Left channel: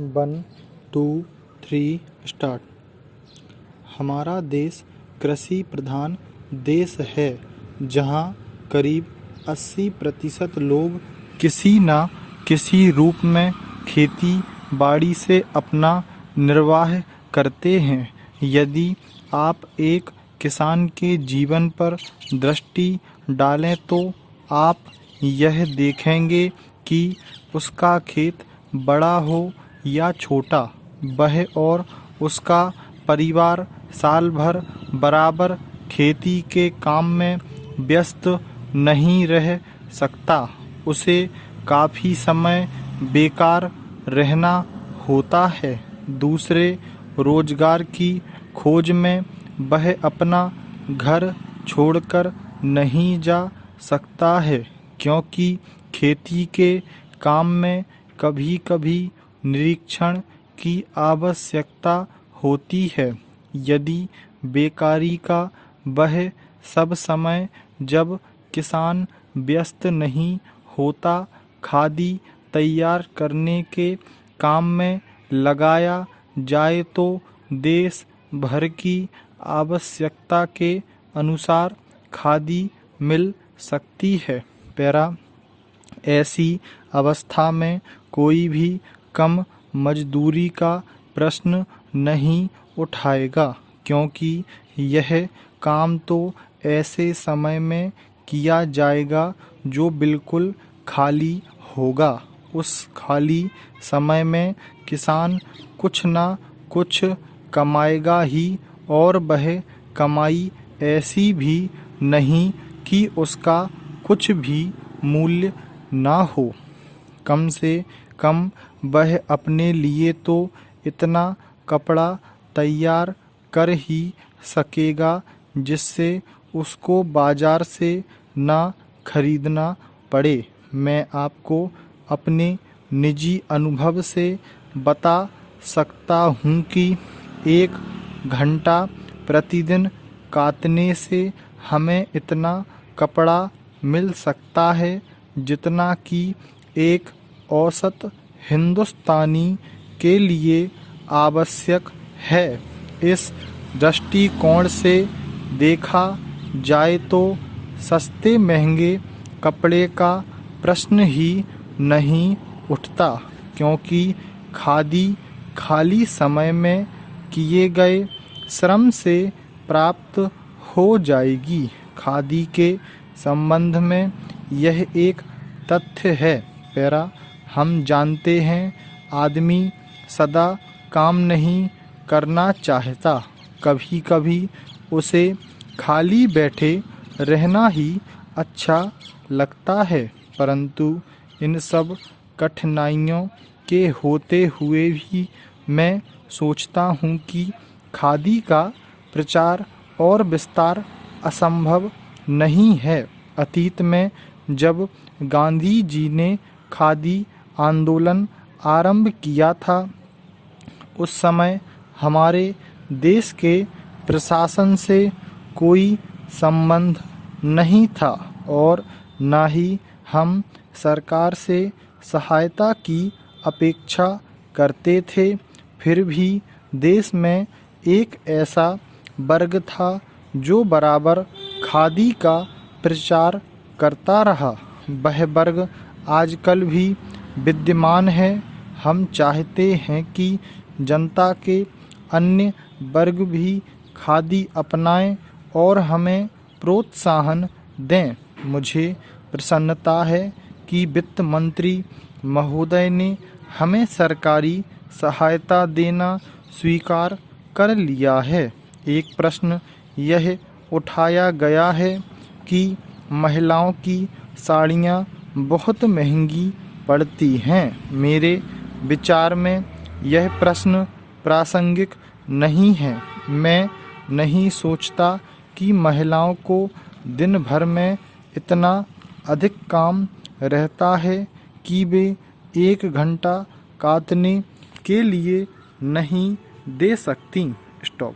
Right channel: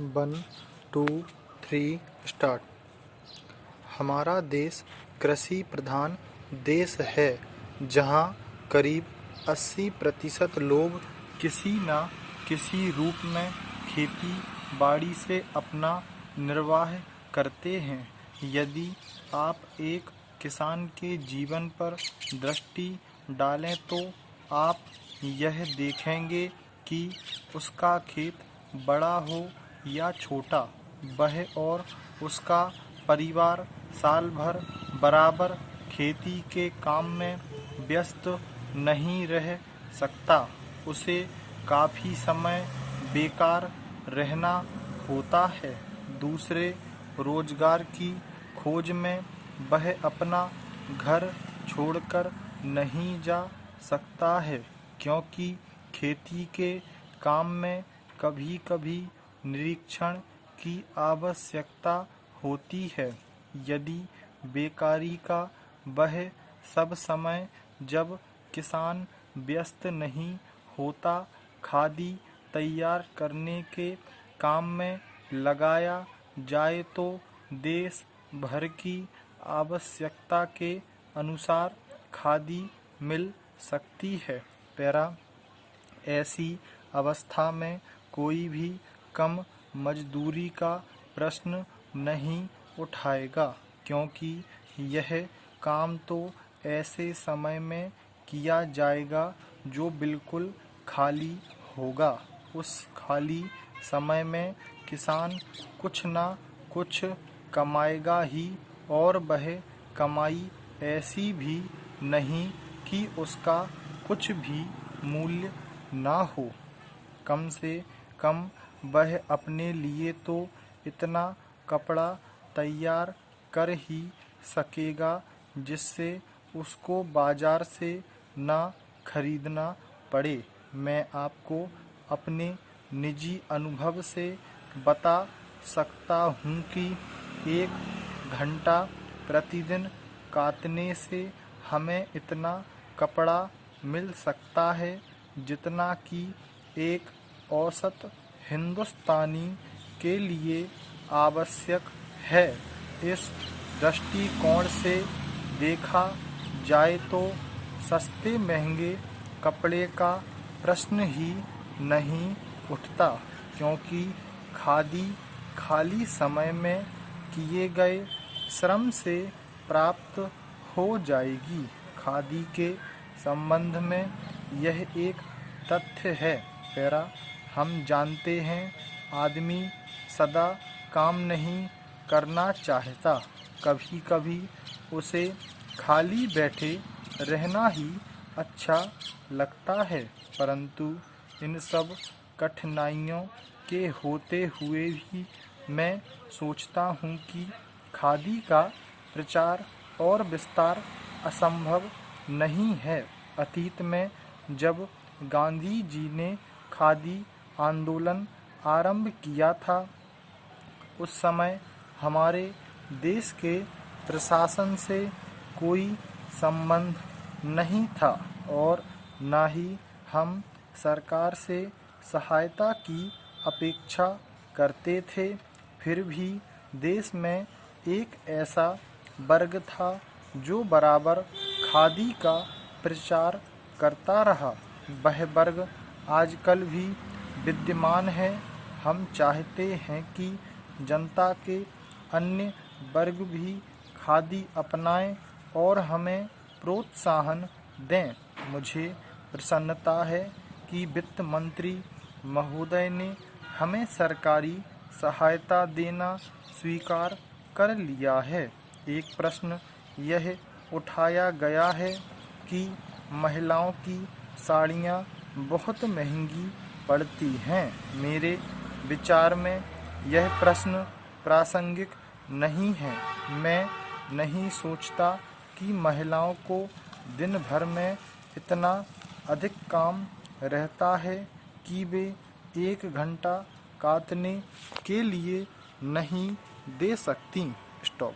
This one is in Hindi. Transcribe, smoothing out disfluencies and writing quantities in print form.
1 2 3 स्टार्ट। हमारा देश कृषि प्रधान देश है, जहां करीब 80% लोग किसी न किसी रूप में खेती बाड़ी से अपना निर्वाह करते हैं। यदि आप एक किसान के जीवन पर दृष्टि डालें तो आप यह देखेंगे कि उसका खेत बड़ा हो या छोटा, वह और उसका परिवार साल भर बराबर खेती के काम में व्यस्त नहीं रह सकता। उसे काफ़ी समय बेकार रहना होता है। दूसरे रोजगार की खोज में वह अपना घर छोड़कर नहीं जा सकता है, क्योंकि खेती के काम में कभी-कभी निरीक्षण की आवश्यकता होती है। यदि बेकारी का वह सब समय जब किसान व्यस्त नहीं होता खादी तैयार करने के काम में लगाया जाए तो देश भर की आवश्यकता के अनुसार खादी मिल सकती है। ऐसी अवस्था में कोई भी कम मजदूरी का प्रश्न नहीं उठाएगा, क्योंकि यह काम तो ऐसे समय में किया जाएगा जो बिल्कुल खाली होगा। उस खाली समय में किसान कुछ ना कुछ कमाएगा ही, और वह कमाई ऐसी भी नहीं कि उसका कुछ भी मूल्य ना हो। कम से कम वह अपने लिए तो इतना कपड़ा तैयार कर ही सकेगा जिससे उसको बाजार से ना खरीदना पड़े। मैं आपको अपने निजी अनुभव से बता सकता हूँ कि 1 घंटा प्रतिदिन काटने से हमें इतना कपड़ा मिल सकता है जितना कि एक औसत हिंदुस्तानी के लिए आवश्यक है। इस दृष्टिकोण से देखा जाए तो सस्ते महंगे कपड़े का प्रश्न ही नहीं उठता, क्योंकि खादी खाली समय में किए गए श्रम से प्राप्त हो जाएगी। खादी के संबंध में यह एक तथ्य है। हम जानते हैं, आदमी सदा काम नहीं करना चाहता। कभी कभी उसे खाली बैठे रहना ही अच्छा लगता है। परंतु इन सब कठिनाइयों के होते हुए भी मैं सोचता हूँ कि खादी का प्रचार और विस्तार असंभव नहीं है। अतीत में जब गांधी जी ने खादी आंदोलन आरंभ किया था, उस समय हमारे देश के प्रशासन से कोई संबंध नहीं था और न ही हम सरकार से सहायता की अपेक्षा करते थे। फिर भी देश में एक ऐसा वर्ग था जो बराबर खादी का प्रचार करता रहा। वह वर्ग आजकल भी विद्यमान है। हम चाहते हैं कि जनता के अन्य वर्ग भी खादी अपनाएं और हमें प्रोत्साहन दें। मुझे प्रसन्नता है कि वित्त मंत्री महोदय ने हमें सरकारी सहायता देना स्वीकार कर लिया है। एक प्रश्न यह उठाया गया है कि महिलाओं की साड़ियाँ बहुत महंगी पड़ती हैं। मेरे विचार में यह प्रश्न प्रासंगिक नहीं है। मैं नहीं सोचता कि महिलाओं को दिन भर में इतना अधिक काम रहता है कि वे 1 घंटा काटने के लिए नहीं दे सकती। स्टॉप।